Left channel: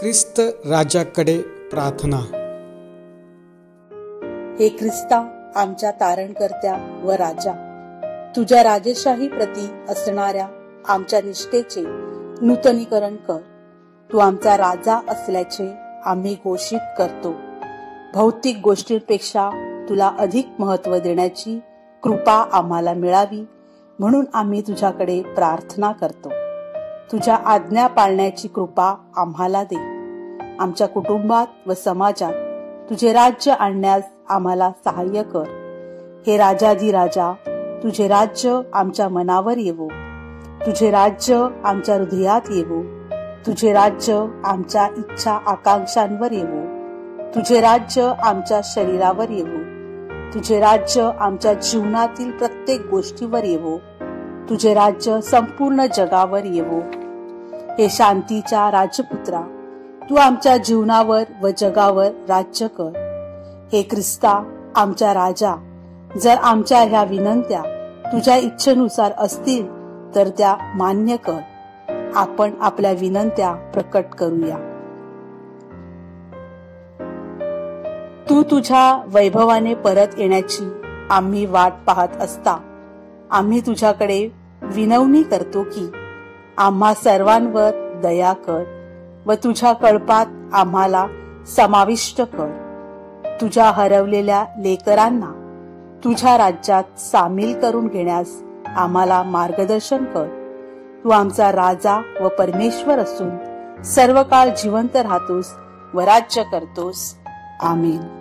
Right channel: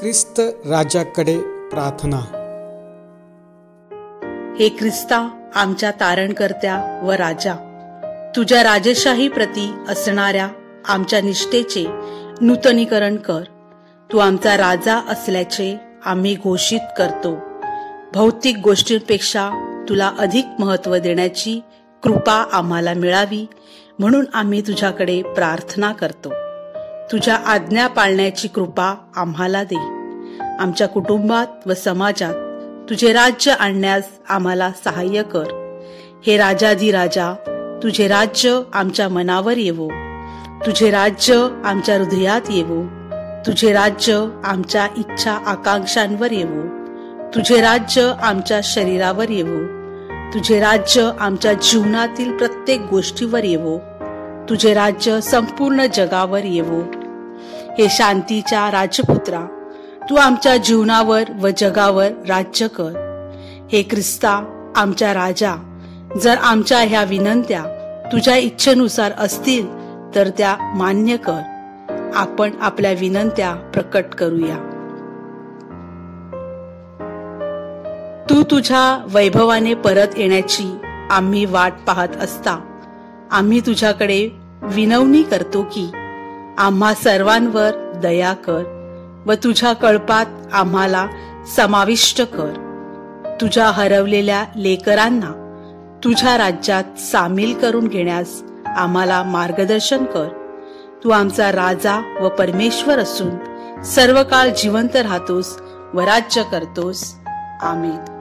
ख्रिस्त राजाकडे प्रार्थना. हे ख्रिस्ता, आमच्या तारणकर्त्या व राजा, तुझ्या राजेशाही प्रती असणाऱ्या आमच्या निष्ठेचे नूतनीकरण कर. तू आमचा राजा असल्याचे आम्ही घोषित करतो. भौतिक गोष्टींपेक्षा तुला अधिक महत्त्व देण्याची कृपा आम्हाला मिळावी म्हणून आम्ही तुझ्याकडे प्रार्थना करतो. तुझ्या आज्ञा पाळण्याची कृपा आम्हाला दे. आमच्या कुटुंबात व समाजात तुझे राज्य आणण्यास आम्हाला सहाय्य कर. हे राजाधिराजा, तुझे राज्य आमच्या मनावर येवो. तुझे राज्य आमच्या हृदयात येवो. तुझे राज्य आमच्या इच्छा आकांक्षांवर येवो. तुझे राज्य आमच्या शरीरावर येवो. तुझे राज्य आमच्या जीवनातील प्रत्येक गोष्टीवर येवो. तुझे राज्य संपूर्ण जगावर येवो. हे शांतीच्या राजपुत्रा, तू आमच्या जीवनावर व जगावर राज्य कर. हे ख्रिस्ता, आमच्या राजा, जर आमच्या ह्या विनंत्या तुझ्या इच्छेनुसार असतील तर त्या मान्य कर. आपण आपल्या विनंत्या प्रकट करूया. तू तुझ्या वैभवाने परत येण्याची आम्ही वाट पाहत असता आम्ही तुझ्याकडे विनवणी करतो की आम्हा सर्वांवर दया कर व तुझ्या कळपात आम्हाला समाविष्ट कर. तुझ्या हरवलेल्या लेकरांना तुझ्या राज्यात सामील करून घेण्यास आम्हाला मार्गदर्शन कर. तू आमचा राजा व परमेश्वर असून सर्व काळ जिवंत राहतोस व राज्य करतोस. आमेन.